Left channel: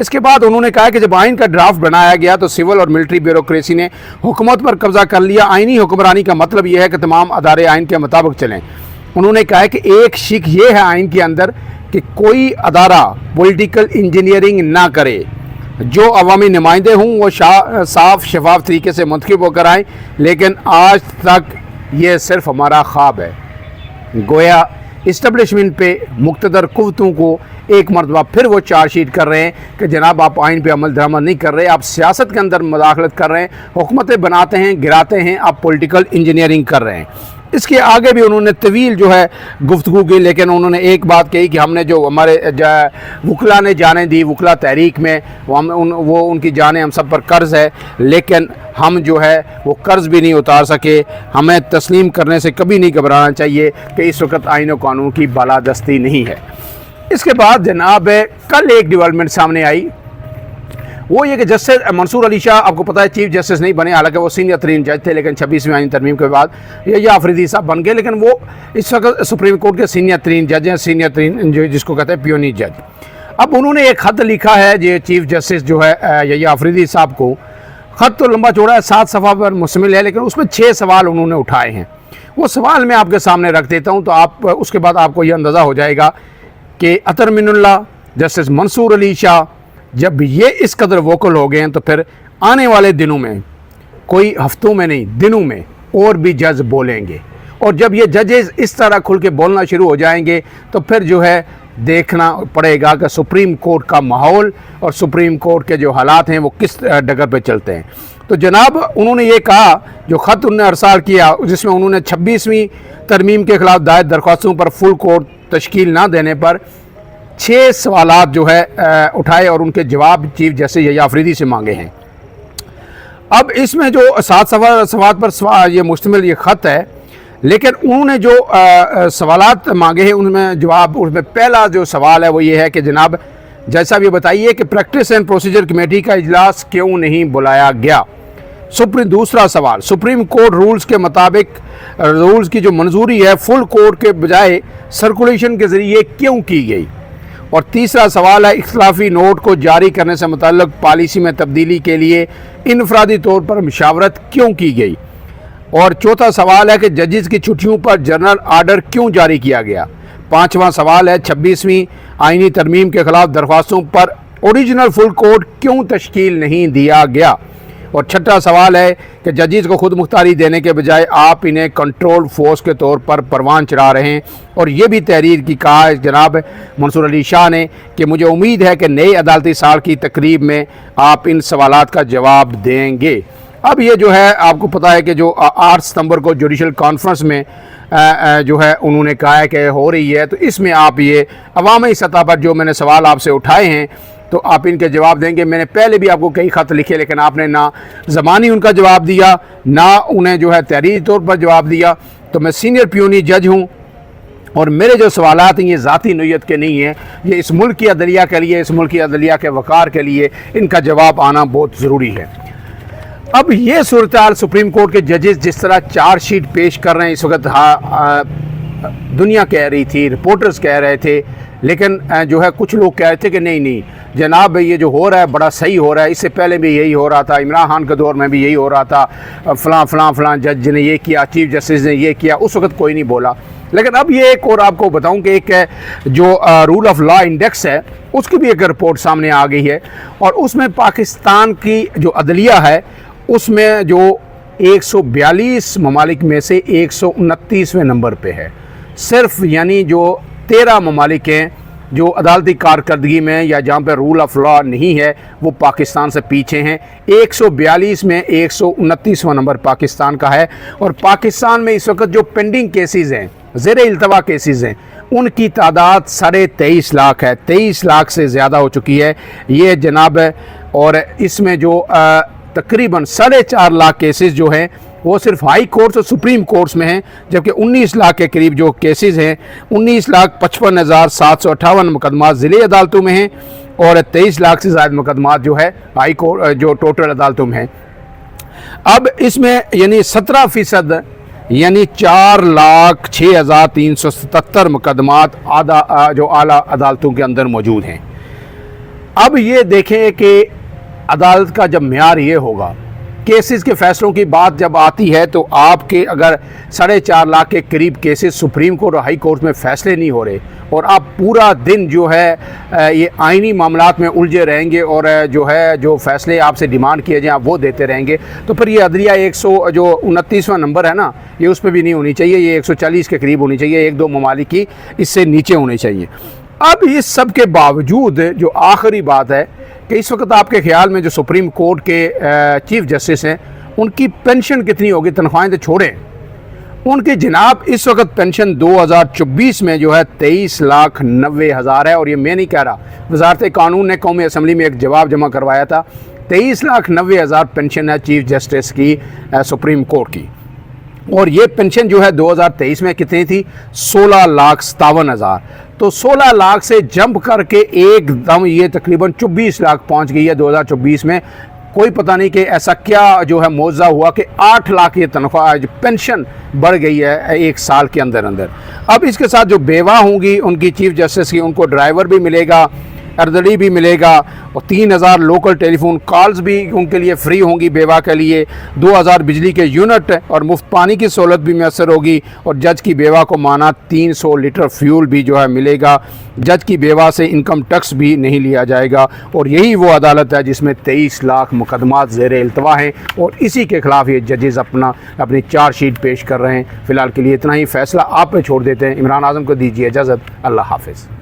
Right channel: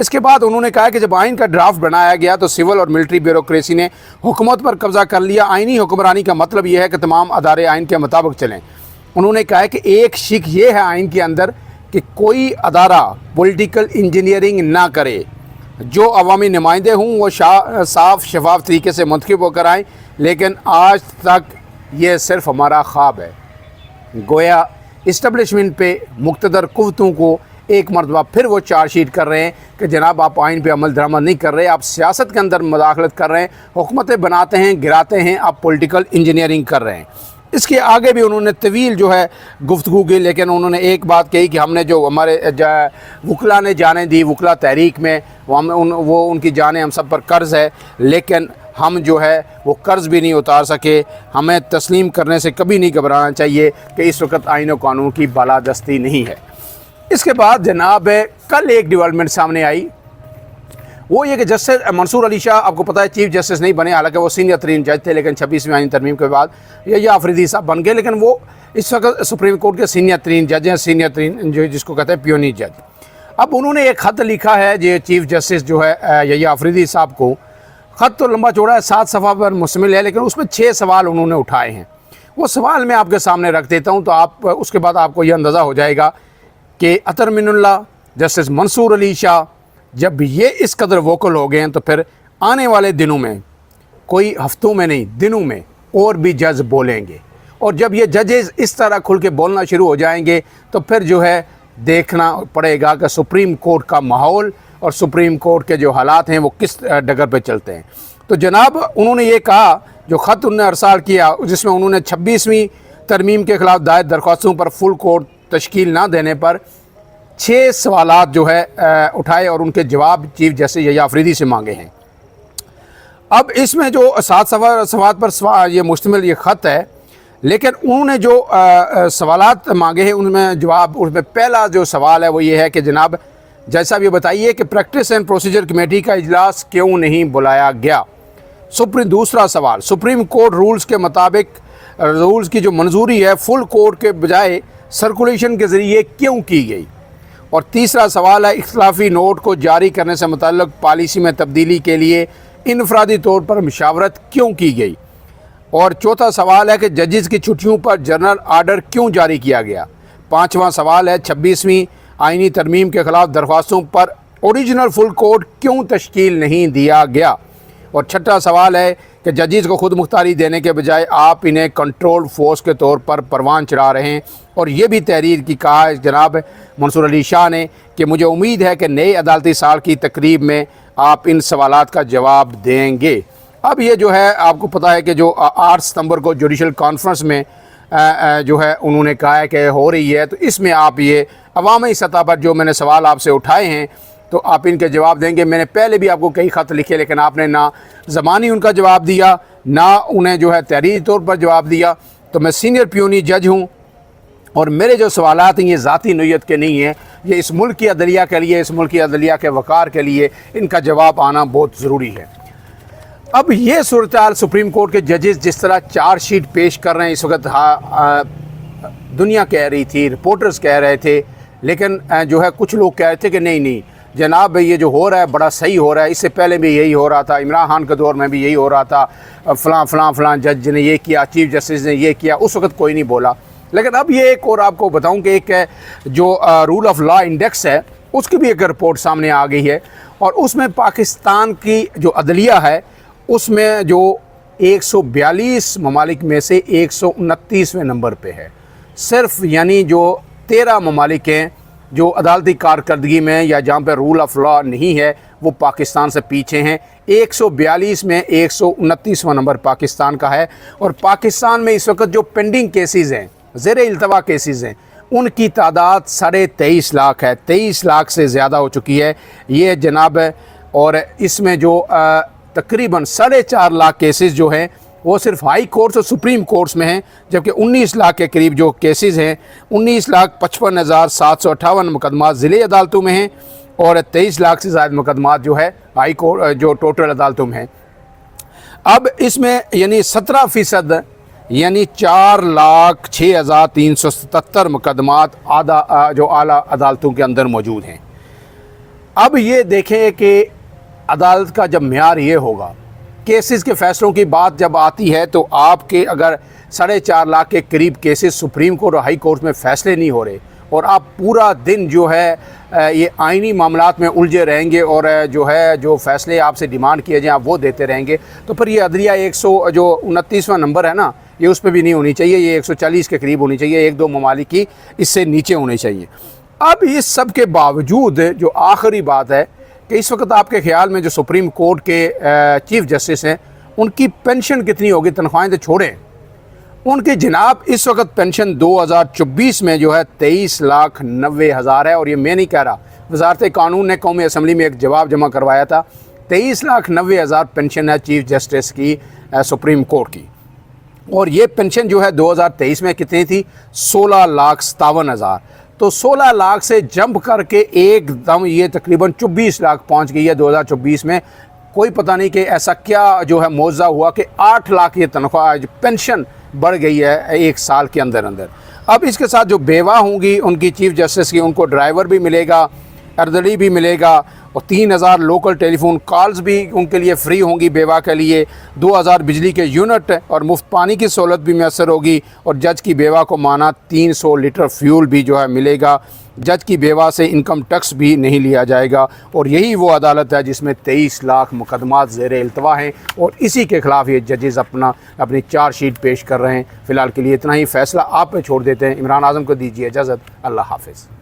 اس کے بعد انہوں نے کہا کہ جب آئین کا ڈرافٹ بنایا گیا تو سول اور ملٹری بیوروکریسی نے حکومت پر قبضہ کر لیا. آئینی حکمرانی کا مطلب یہ ہے کہ تمام ادارے آئین کے مطابق چلیں. انہوں نے کہا کہ ایک شک یہ ہے آئین کے اندر کہ کوئی ادارہ پولیٹیکل انجینئرنگ نہ کرے. جو عوامی نمائندے ہوں وہ صاف شفاف طریقے سے منتخب ہو کر آئیں. لیکن آج تک یہ صرف ہمارا خواب ہے. گویا اسٹیبلشمنٹ پہ مقتدر قوتوں کو ایک مرتبہ پھر وہ چارج شیٹ کر رہے ہیں کہ جناب آپ آئین پہ عمل درآمد نہیں کر رہے, آپ سیاست کے اندر مداخلت کر رہے ہیں, حکومتیں بناتے ہیں گراتے ہیں, آپ پولیٹیکل انجینئرنگ کر رہے ہیں. اس کے آگے بھی انہوں نے طویل جو ہے گفتگو کی, لیکن انہوں نے ایک بات کہی کہ ہم نے جو ہمارے وکلا نے جانیں دی وکلا تحریک میں, وہ ان کی جانیں ہم سب پر قرض ہے, لیکن ہم جو ہے وہ قرض بھی نہیں اتار سکے. ہمیں تسلیم کرنے سے کبھی نہیں گھبرانا چاہیے کہ اس وقت آئین و قانون کی بالادستی نہیں ہے. اس کے بعد جناب کل ایک ڈیولپمنٹ سامنے آئی, وہ یہ کہ جسٹس منصور علی شاہ, آپ کو پتہ ہے چیف جسٹس نہیں بنے, حالانکہ وہ سینئر ترین جج تھے, لیکن 26ویں آئین ترمیم کے بعد یا آفریدی صاحب بن گئے, لیکن وہ اس وقت سپریم کورٹ کے سینئر ترین جج ہیں, سینئر ترین جس کو کہتے ہیں پیونی جج. اب انہوں نے ایک خط لکھا ہے یہ چیف جسٹس جو ہے یا آفریدی صاحب کو. خط تو لمبا چوڑا ہے, 7 صفحہ پر مشتمل ہے, لیکن اس میں 6 سوال انہوں نے اٹھائے ہیں. وہ سوال میں آپ کے سامنے رکھ دیتا ہوں, تو آپ اس کے بعد آپ کو یہ اندازہ ہو جائے گا کہ اطہر من اللہ, جسٹس منصور علی شاہ جب یہ اس قدر ووکل ہو گئے ہیں تو پھر آنے والے دنوں میں, کوئی ہفتوں میں نہیں دنوں میں, اور بھی جج بولیں گے. اور جب یہ ججز اس طرح کھل کے بولنا شروع ہو جائیں گے تو پھر جو ہے دیکھنا پڑے گا کہ سپریم کورٹ کا ماحول اور سپریم کورٹ کے جو حالات ہیں وہ کس ڈگر پہ چلتے ہیں. تو جناب انہوں نے یہ کہا, جو خط انہوں نے ارسال کیا جس میں انہوں نے 26ویں ترمیم کے خلاف دائر درخواستوں پر فل کورٹ تشکیل نہ دینے پر 6 سوالات جو ہے اٹھائے اور ان کے جواب چیف جسٹس یحییٰ آفریدی سے مانگے ہیں. اب اس میں جو 7 سوالات پر یہ مشتمل یہ خط ہے, لیکن انہوں نے جو سوالات مانگے ہیں ان میں جواب, اس میں پہلا جو سوال ہے وہ یہ ہے کہ جناب جج صاحب یہ بتائیے کہ پریکٹس اینڈ پروسیجر کمیٹی کا اجلاس کیوں نہیں بلایا گیا. دوسرا سوال, سپریم کورٹ رولز کے مطابق رولز کی جو منظوری ہے فل کورٹ کے بجائے سرکولیشن کے ذریعے کیوں کی گئی. اور تیسرا سوال ہے اختلافی نوٹ کو جاری کرنے سے متعلق پالیسی میں تبدیلی کے لیے انفرادی طور پر مشاورت کیوں کی گئی. اور چوتھا سوال ہے کہ ججز کی چھٹیوں پر جنرل آرڈر کیوں جاری کیا گیا. پانچواں سوال ہے 26ویں آئینی ترمیم کے خلاف درخواستوں پر اوریجنل فل کورٹ کیوں تشکیل نہیں دیا گیا. اور چھٹا سوال ہے کہ ججز کو خود مختاری دینے کے بجائے آپ انہیں کنٹرول فورس کے طور پر پروان چڑھا رہے ہیں. اور یہ بھی تحریر کی کہا ہے جناب منصور علی شاہ نے کہ مجھے امید ہے کہ نئے عدالتی سال کی تقریب میں آپ ان سوالات کا جواب دیں گے. اب یہ جو ہے آپ کو پتہ ہے کہ جو 8 ستمبر کو جوڈیشل کانفرنس میں جو ہے انہوں نے کہا ہے کہ ہو رہی ہے, تو اس میں آپ یہ عوامی سطح پر جو میں نے سوال آپ سے اٹھائے ہیں تو آپ ان کے جواب دیں گے. میں نے پہلے بھی آپ کو کئی خط لکھے, لیکن آپ نے نہ زبانی ان کا جواب دیا نہ انہیں جو ہے تحریری طور پر جواب دیا. تو میں سینئر پیونی جج ہوں اور میرے جو سوالات ہیں یہ ذاتی نوعیت کے نہیں ہیں, یہ اس ملک کی عدلیہ کے لیے, اس ملک کی عدلیہ کے وقار کے لیے ان کا جواب آنا بہت ضروری ہے. اب یہ صورتحال سپریم کورٹ کے ججز جس طرح چارج شیٹ پیش کر رہے ہیں اس وقت دنیا کہہ رہی تھی, رپورٹرز کہہ رہے تھے, لیکن جو ہے کچھ لوگ کہہ رہے تھے کہ نہیں جناب یہ جو ہو رہا ہے بڑا صحیح ہو رہا ہے, اس سے پہلے بھی یہی ہو رہا تھا, عمران خان کے دور میں بھی یہی ہو رہا تھا, فلاں جج نے یہ کیا, چیف جسٹس نے یہ کیا, اس وقت کوئی نہیں بولا. لیکن اب یہ ایک اور آپ کو بتاؤں کہ ایک جو رول آف لا انڈیکس ہے اس کی بھی ایک رپورٹ سامنے آ گئی ہے, اور اس میں پاکستان کی جو عدلیہ ہے اس میں جو 142 ممالک میں سے 129ویں نمبر پہ ہے. صرف یعنی جو 13 ممالک ہیں جو عدالتی کارکردگی میں یا جہاں پہ رول آف لا نہیں ہے وہ پاکستان سے پیچھے ہیں. 142 میں 129واں نمبر پاکستان کا ہے. اور پاکستان میں اس وقت جو پینڈنگ کیسز ہیں, زیر التوا کیسز ہیں, ان کی تعداد 23.5 لاکھ ہے, 23 لاکھ سے زیادہ ہو چکی ہے یہ جناب. اور اس میں جو تقریباً 4.5 لاکھ کیسز جو ہیں وہ صرف ہائی کورٹس اور سپریم کورٹس میں ہیں, جبکہ 19 لاکھ کے قریب جو کیسز ہیں 19,55,758 مقدمات ضلعی عدالتوں میں ہیں, اور 23 لاکھ سے زائد مقدمات جو ہے ہائی کورٹ جو ٹوٹل عدالتوں میں ہیں. اب اس میں یعنی 17% یعنی 4,06,377 مقدمات جو اعلیٰ عدالتوں کے اندر موجود ہیں. اب یہ دیکھیں کہ عدالت کا جب معیار یہ ہوگا، کیسز کے فیصلوں کی بات جب آتی ہے تو آپ کے اگر 4.5 لاکھ کے قریب کیسز سپریم کورٹ اور ہائی کورٹ میں فیصلے نہیں ہو رہے اور آپ پورا دن جو ہے یہ آئینی معاملات میں الجھے رہیں گے اور جو فیصلے آپ سے ڈیمانڈ کیے جائیں آپ وہ دیتے رہیں گے، تو پھر یہ عدلیہ 129واں نمبر ہے نا، یہ اس پہ بھی نہیں ہونی چاہیے، یہ 140 کے قریب ہونی چاہیے، 1-2 ممالک کی اس سے نیچے ہونی چاہیے۔ اب اس سب کے باوجود جو آخری بات ہے کہ اس وقت آپ کے خیال میں جو سپریم کورٹ کے چیف جسٹس ہیں ان کی پینشن کتنی ہوگی؟ تنخواہیں تو چھوڑیں، ان کی جناب اس وقت پینشن 2024 میں جو ہے 23,90,000 ہے، اور یہ میں نہیں کہہ رہا، وزارت قانون نے قومی اسمبلی میں ایک جواب جمع کروایا تھا، 23,90,000 پینشن ہے چیف جسٹس کی سپریم کورٹ کی، اور یہ پینشن جو ہے 2023 میں کتنی تھی؟ 16,57,000، تو 16 لاکھ سے جمپ کر کے ایک دم یہ تقریباً 24 لاکھ پہنچ گئی ہے 2024 میں۔ کوئی پتہ نہیں کہ ایسا کیا جو ہے معجزہ ہوا کہ 8 لاکھ یہ تنخواہ پینشن بڑھ گئی ہے ایک سال کے اندر۔ اب اس کے ساتھ جو بیوہ ہوں گی ان کی چیف جسٹس کی، ان کو ڈرائیور بھی ملے گا، اردڑی بھی ملے گا، اور 3,000 لوکل ٹیلی فون کالز بھی ان کے لیے فری ہوں گی بیوہ کے لیے، 2,000 بجلی کے یونٹ اور مفت پانی کی سہولت بھی میسر ہوگی، اور جج کی بیوہ کو مانا 300 لیٹر فیول بھی جو ہے ملے گا، جج کی بیوہ سے انکم ٹیکس بھی نہیں لیا جائے گا، اور یہی وہ عدالت ہے جس میں 23 لاکھ مقدمات زیر التوا ہیں، اور اسی کے خلاف یہ ججز اپنی چارج شیٹ پیش کر رہے ہیں۔ فی الحال کے لیے اتنا ہی، فیصلہ آپ پہ چھوڑ دیتے ہیں۔ عمران اعظم کو دیجیے اجازت، اللہ حافظ۔